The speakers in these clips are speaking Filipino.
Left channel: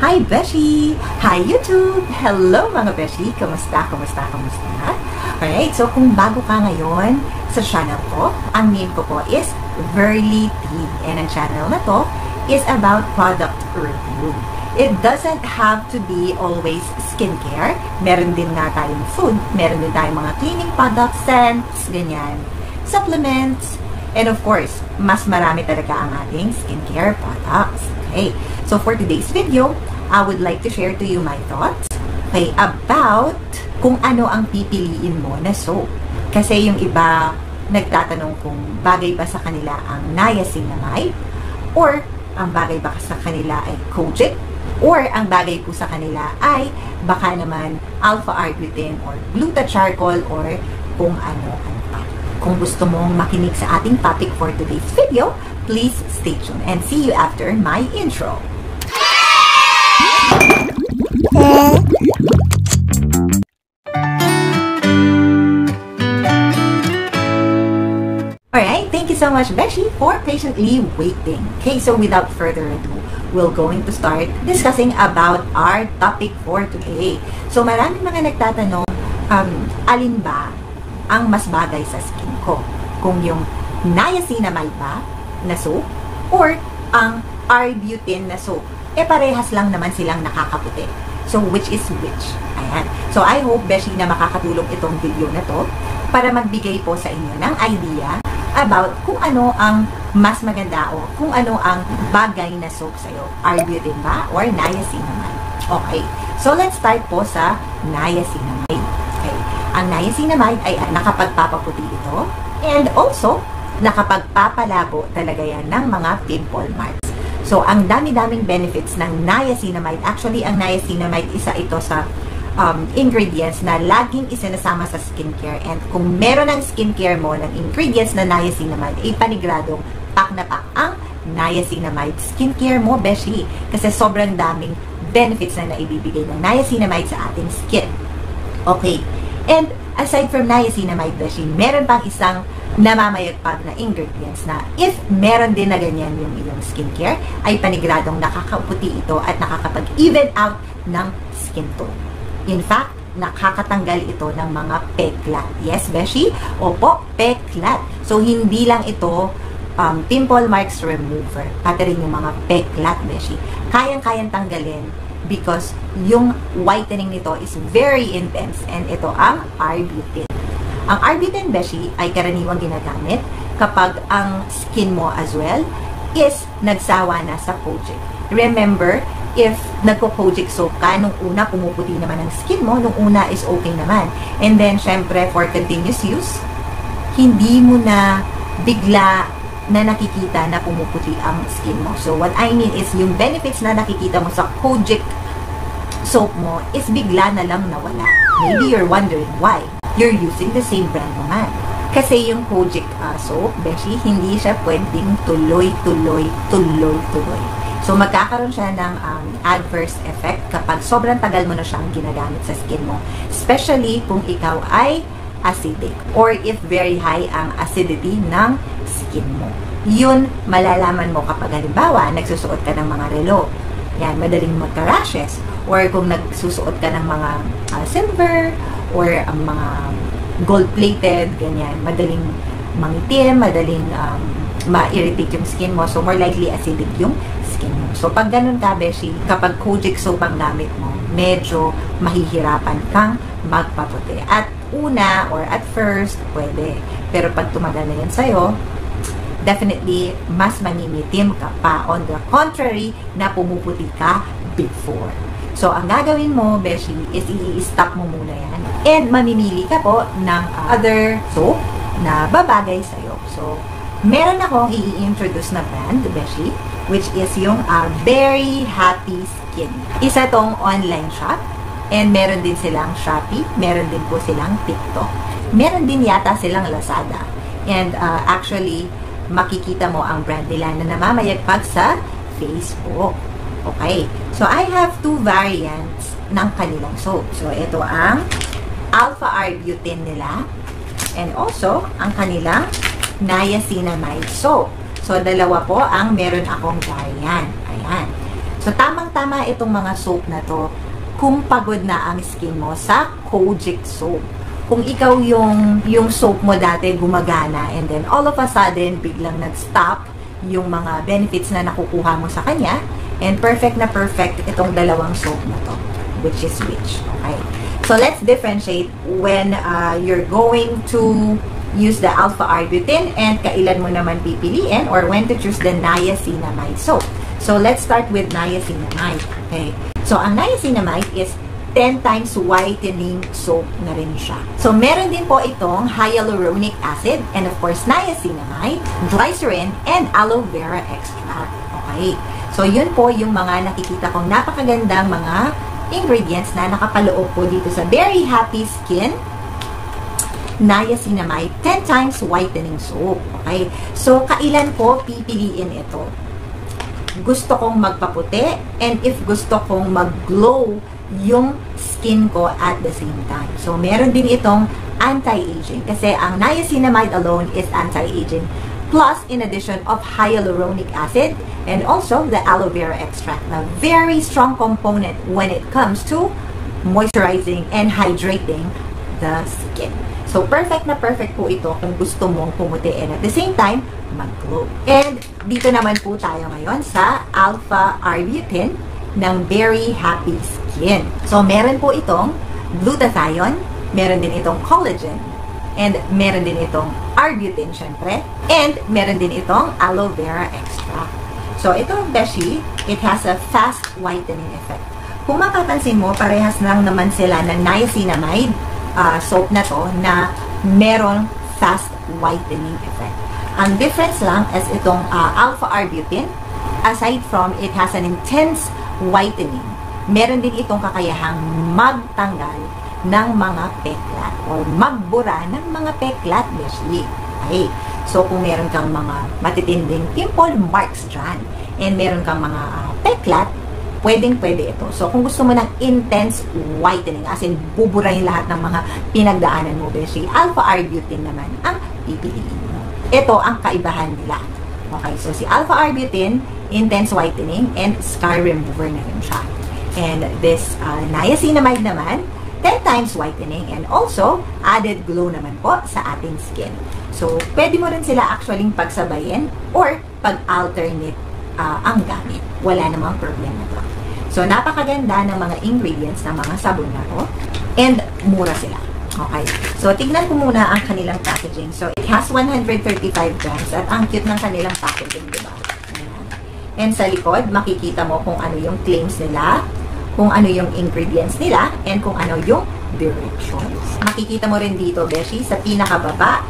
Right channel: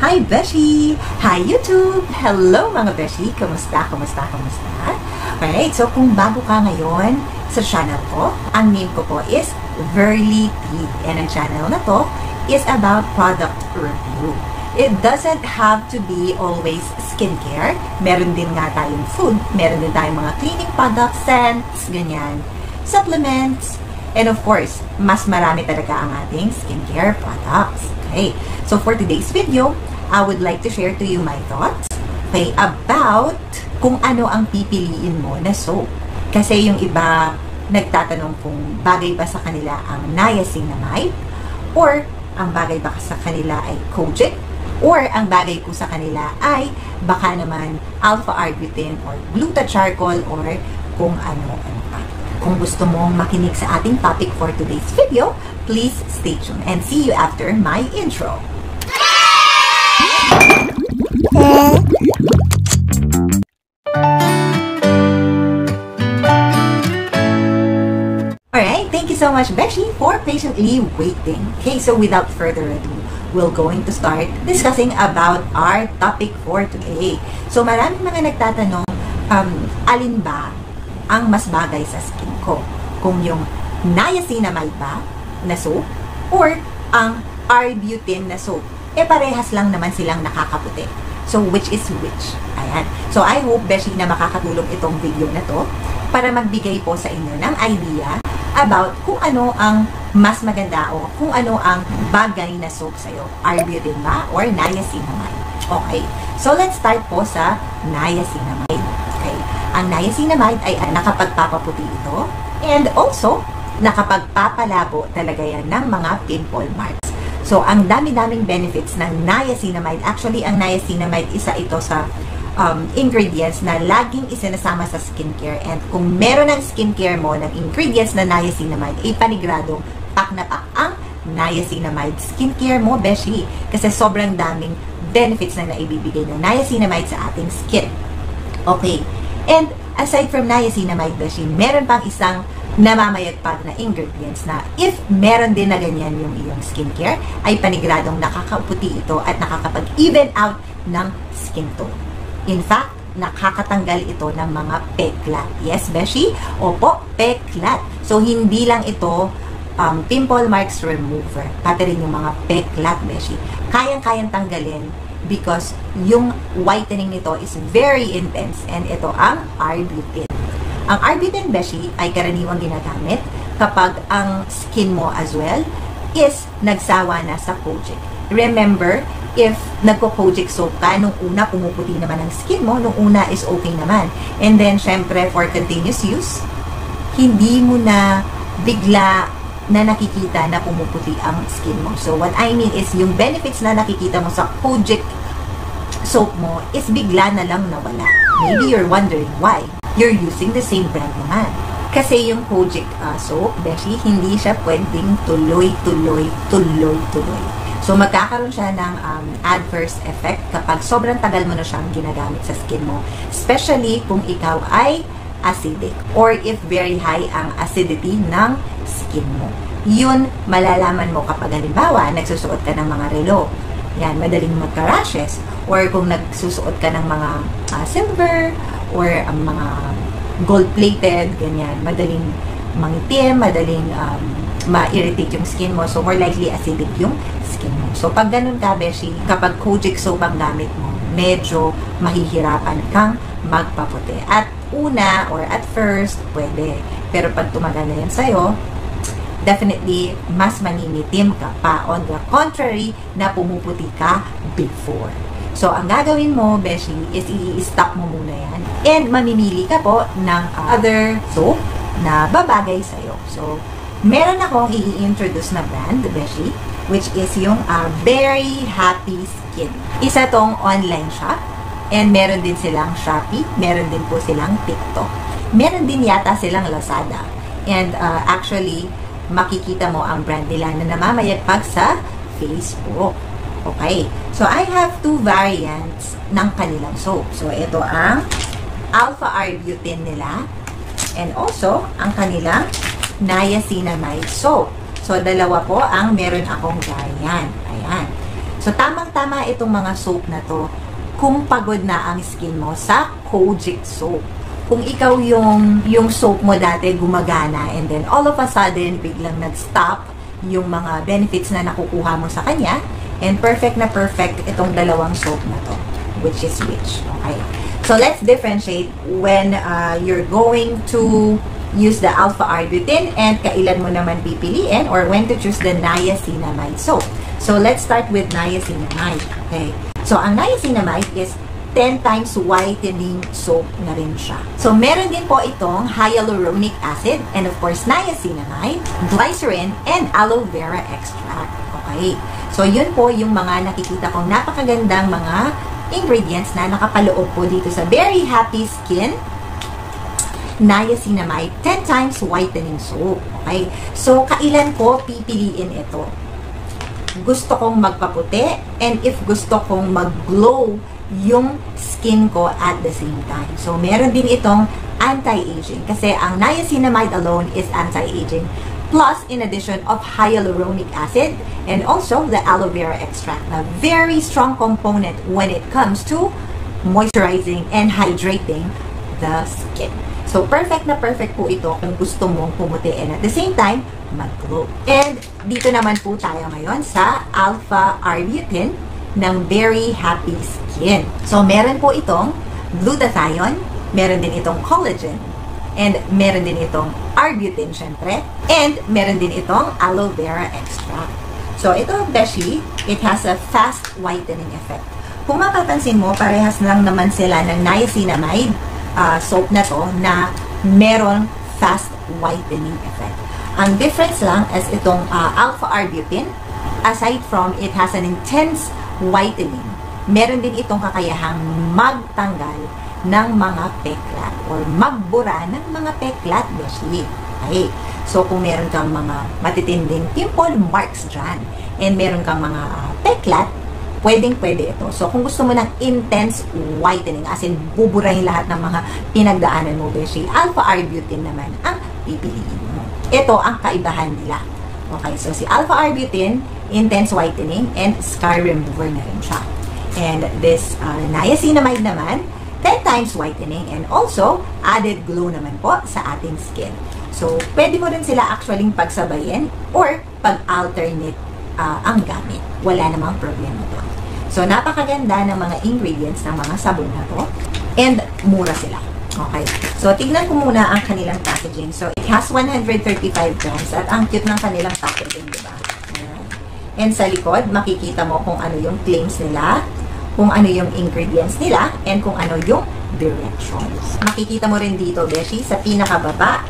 Hi Beshi! Hi YouTube! Hello mga Beshi! Kamusta? Alright, so kung bago ka ngayon sa channel ko, ang name ko po is BeautyClick. And ang channel na to is about product review. It doesn't have to be always skincare. Meron din nga tayong food. Meron din tayong mga cleaning products, scents, ganyan. Supplements. And of course, mas marami talaga ang ating skincare products. Okay, so for today's video, I would like to share to you my thoughts about kung ano ang pipiliin mo na soap. Kasi yung iba nagtatanong kung bagay ba sa kanila ang niacinamide, or ang bagay ba sa kanila ay kojic, or ang bagay po sa kanila ay baka naman alpha-arbutin or gluta-charcoal or kung ano-ano pa. Kung gusto mong makinig sa ating topic for today's video, please stay tuned and see you after my intro. Alright, thank you so much, Beshi, for patiently waiting. Okay, so without further ado, we're going to start discussing about our topic for today. So maraming mga nagtatanong, alin ba ang mas bagay sa skin ko? Kung yung niacinamide ba na soap or ang arbutin na soap? Eh parehas lang naman silang nakakaputi. So which is which? Ayan. So I hope, Beshi, na makakatulong itong video na to para magbigay po sa inyo ng idea about kung ano ang mas maganda o kung ano ang bagay na soap sa'yo. Arbutin ba or niacinamide? Okay. So let's start po sa niacinamide. Okay. Ang niacinamide ay nakapagpapaputi ito and also nakapagpapalabo talaga yan ng mga pimple marks. So, ang dami-daming benefits ng niacinamide. Actually, ang niacinamide, isa ito sa ingredients na laging isinasama sa skincare. And kung meron ng skincare mo ng ingredients na niacinamide, ay panigurado, pak na pak ang niacinamide skincare mo, Beshi. Kasi sobrang daming benefits na naibibigay ng niacinamide sa ating skin. Okay. And aside from niacinamide, Beshi, meron pang isang namamayagpag na ingredients na if meron din na ganyan yung iyong skincare, ay paniguradong nakakaputi ito at nakakapag-even out ng skin tone. In fact, nakakatanggal ito ng mga peklat. Yes, Beshi? Opo, peklat. So, hindi lang ito pimple marks remover. Pati rin yung mga peklat, Beshi. Kaya-kayang tanggalin because yung whitening nito is very intense and ito ang arbutin. Ang arbutin, Beshi, ay karaniwang ginagamit kapag ang skin mo as well is nagsawa na sa kojic. Remember, if nagko-kojic soap ka, nung una pumuputi naman ang skin mo, nung una is okay naman. And then, syempre, for continuous use, hindi mo na bigla na nakikita na pumuputi ang skin mo. So, what I mean is, yung benefits na nakikita mo sa kojic soap mo is bigla na lang nawala. Maybe you're wondering why. You're using the same brand naman. Kasi yung kojic soap, Beshi, hindi siya pwedeng tuloy. So, magkakaroon siya ng adverse effect kapag sobrang tagal mo na siyang ginagamit sa skin mo. Especially kung ikaw ay acidic or if very high ang acidity ng skin mo. Yun, malalaman mo kapag halimbawa, nagsusuot ka ng mga relo. Yan, madaling magka-rashes. Or kung nagsusuot ka ng mga silver or mga gold-plated, ganyan, madaling mangitim, madaling ma-irritate yung skin mo. So, more likely acidic yung skin mo. So, pag ganun ka, Beshi, kapag kojic soap ang gamit mo, medyo mahihirapan kang magpaputi. At una, or at first, pwede. Pero pag tumagal na yun sa'yo, definitely, mas manimitim ka pa. On the contrary, na pumuputi ka before. So, ang gagawin mo, Beshi, is i-stop mo muna yan. And mamimili ka po ng other soap na babagay sa'yo. So, meron akong i-introduce na brand, Beshi, which is yung Very Happy Skin. Isa tong online shop. And meron din silang Shopee. Meron din po silang TikTok. Meron din yata silang Lazada. And actually, makikita mo ang brand nila na namamayagpag sa Facebook. Okay. So, I have two variants ng kanilang soap. So, ito ang alpha-arbutin nila and also ang kanilang niacinamide soap. So, dalawa po ang meron akong variant. Ayan. So, tamang-tama itong mga soap na to kung pagod na ang skin mo sa Kojic soap. Kung ikaw yung soap mo dati gumagana and then all of a sudden biglang nag-stop yung mga benefits na nakukuha mo sa kanya, and perfect na perfect itong dalawang soap na to, which is which. Okay? So, let's differentiate when you're going to use the alpha-arbutin and kailan mo naman pipiliin or when to choose the niacinamide soap. So, let's start with niacinamide. Okay? So, ang niacinamide is 10 times whitening soap na rin siya. So, meron din po itong hyaluronic acid and of course, niacinamide, glycerin, and aloe vera extract. Okay? So, yun po yung mga nakikita kong napakagandang mga ingredients na nakapaloob po dito sa Very Happy Skin niacinamide 10 times whitening soap. Okay? So, kailan ko pipiliin ito? Gusto kong magpaputi and if gusto kong mag-glow yung skin ko at the same time. So, meron din itong anti-aging kasi ang niacinamide alone is anti-aging plus in addition of hyaluronic acid and also the aloe vera extract na very strong component when it comes to moisturizing and hydrating the skin. So, perfect na perfect po ito kung gusto mong pumuti and at the same time, mag-glow. And dito naman po tayo ngayon sa alpha-arbutin ng Very Happy Skin. So, meron po itong glutathione, meron din itong collagen, and meron din itong arbutin, syempre, and meron din itong aloe vera extract. So, itong beshi, it has a fast whitening effect. Kung mapapansin mo, parehas lang naman sila ng niacinamide soap na to na merong fast whitening effect. Ang difference lang is itong alpha-arbutin, aside from it has an intense whitening, meron din itong kakayahang magtanggal ng mga peklat or magbura ng mga peklat, beshi. Okay. So, kung meron kang mga matitinding pimple marks dyan and meron kang mga peklat, pwedeng-pwede ito. So, kung gusto mo ng intense whitening, as in buburahin lahat ng mga pinagdaanan mo, beshi, alpha-arbutin naman ang pipiliin mo. Ito ang kaibahan nila. Okay, so si alpha-arbutin, intense whitening, and scar remover na rin siya. And this niacinamide naman, 10 times whitening, and also added glow naman po sa ating skin. So, pwede mo rin sila actually pagsabayin or pag-alternate ang gamit. Wala namang problema to. So, napakaganda ng mga ingredients ng mga sabon na to, and mura sila. Okay. So, tignan ko muna ang kanilang packaging. So, it has 135 grams at ang cute ng kanilang packaging, diba? Ayan. And sa likod, makikita mo kung ano yung claims nila, kung ano yung ingredients nila, and kung ano yung directions. Makikita mo rin dito, beshi, sa pinakababa,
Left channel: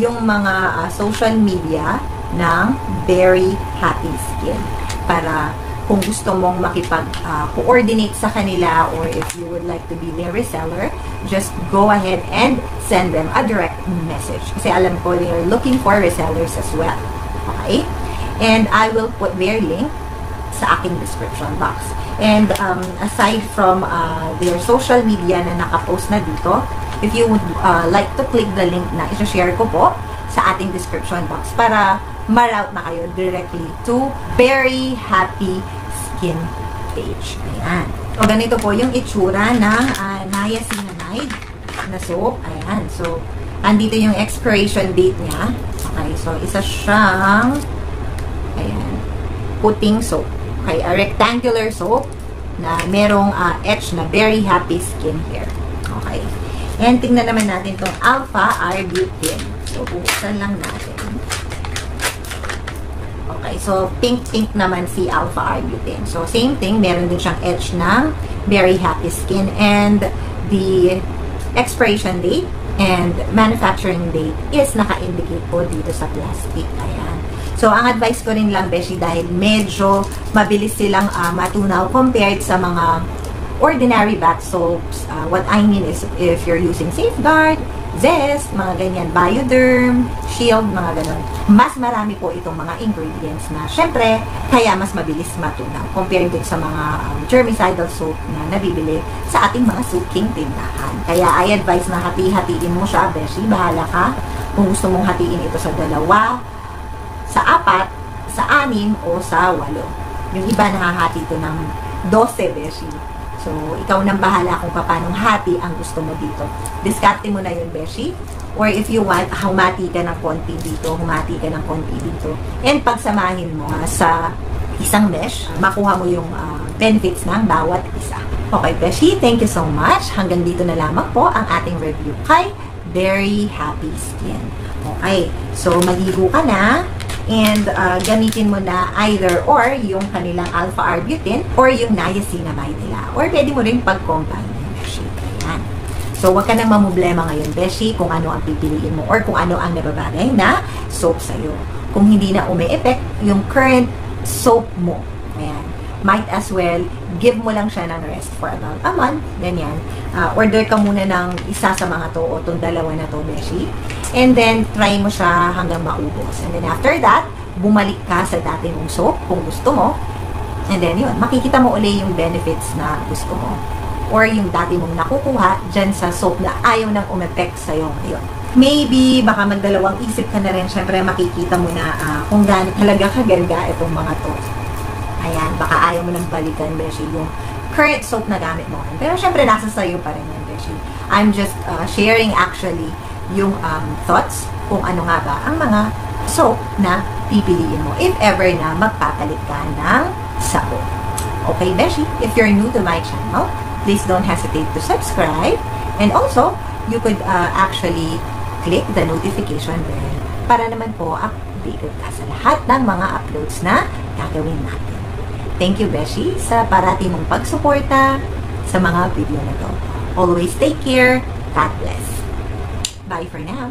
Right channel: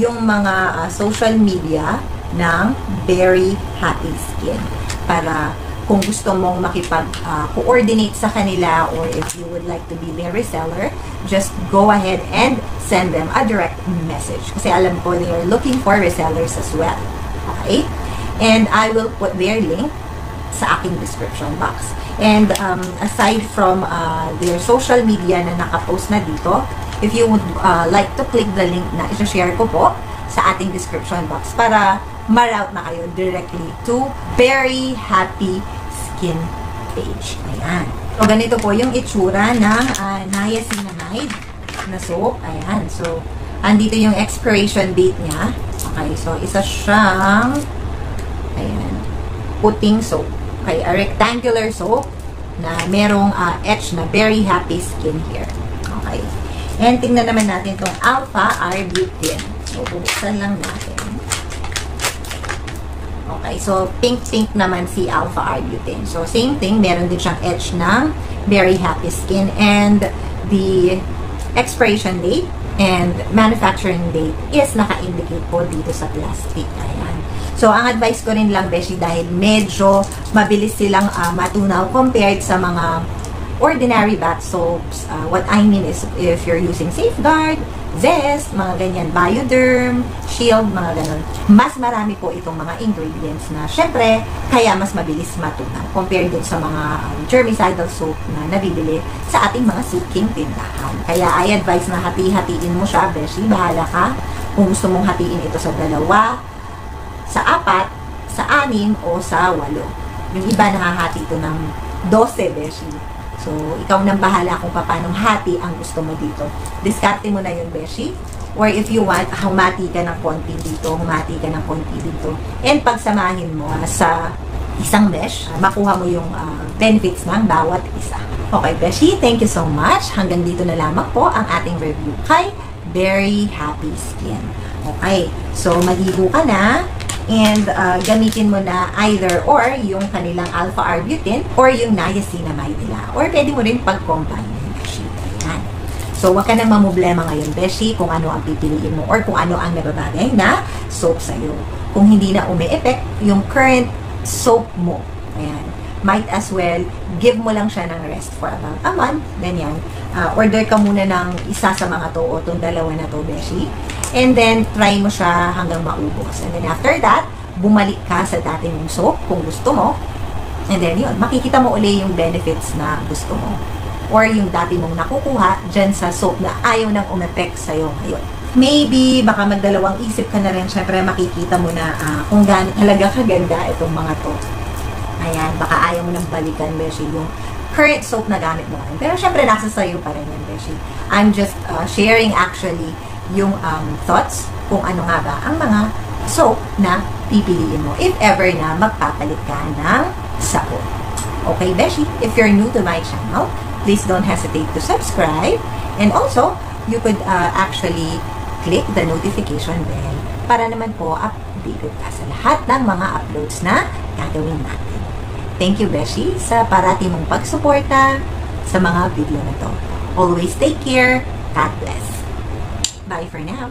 yung mga social media ng Very Happy Skin. Para kung gusto mong makipag-coordinate sa kanila or if you would like to be their reseller, just go ahead and send them a direct message. Kasi alam ko they are looking for resellers as well. Okay? And I will put their link sa aking description box. And aside from their social media na nakapost na dito, if you would like to click the link na i-share ko po sa ating description box para ma-route na kayo directly to Very Happy Skin page. Ayan. So, ganito po yung itsura ng niacinamide na soap. Ayan. So, andito yung expiration date niya. Okay. So, isa siyang ayan, puting soap. Okay. A rectangular soap na merong etch na Very Happy Skin here. Okay. And tingnan naman natin itong alpha-arbutin. So, bubuksan lang natin. Okay, so pink-pink naman si alpha-arbutin. So, same thing, meron din siyang etch ng Very Happy Skin and the expiration date and manufacturing date is naka-indicate po dito sa plastic. Ayan. So, ang advice ko rin lang, beshi, dahil medyo mabilis silang matunaw compared sa mga ordinary bath soaps. What I mean is if you're using Safeguard, Zest, mga ganyan, Bioderm, Shield, mga ganun. Mas marami po itong mga ingredients na syempre, kaya mas mabilis matunaw compared din sa mga germicidal soap na nabibili sa ating mga suking tindahan. Kaya I advise na hati-hatiin mo siya, beshi, bahala ka. Kung gusto mong hatiin ito sa 2, sa 4, sa 6, o sa 8. Yung iba nakahati ito ng 12, beshi. So, ikaw nang bahala kung paano hati ang gusto mo dito. Diskarte mo na yung beshi. Or if you want, humati ka ng konti dito, humati ka ng konti dito. And pagsamahin mo sa isang mesh, makuha mo yung benefits ng bawat isa. Okay, beshi, thank you so much. Hanggang dito na lamang po ang ating review kay Very Happy Skin. Okay, so maligo ka na and gamitin mo na either or yung kanilang alpha-arbutin or yung niacinamide nila. Or pwede mo rin pag-combine yung beshi. Ayan. So, huwag ka na mamblema ngayon, beshi, kung ano ang pipiliin mo or kung ano ang nababagay na soap sa'yo. Kung hindi na umi-effect yung current soap mo. Ayan. Might as well, give mo lang siya ng rest for about a month. Ganyan. Order ka muna ng isa sa mga to o itong dalawa na to, beshi. And then, try mo siya hanggang maubos. And then after that, bumalik ka sa dating mong soap kung gusto mo. And then yun, makikita mo uli yung benefits na gusto mo. Or yung dati mong nakukuha dyan sa soap na ayaw nang umepek sa'yo ngayon. Maybe, baka magdalawang isip ka na rin. Siyempre, makikita mo na kung gaano talaga kaganda itong mga to. Ayan, baka ayaw mo nang balikan, beshi, yung current soap na gamit mo rin. Pero syempre, nasa sa'yo pa rin yan, beshi. I'm just sharing actually yung thoughts kung ano nga ba ang mga soap na pipiliin mo if ever na magpapalit ka ng sabon. Okay, beshi, if you're new to my channel, please don't hesitate to subscribe. And also, you could actually click the notification bell para naman po updated ka sa lahat ng mga uploads na gagawin natin. Thank you, beshi, sa parati mong pagsuporta sa mga video na to. Always take care. God bless. Bye for now.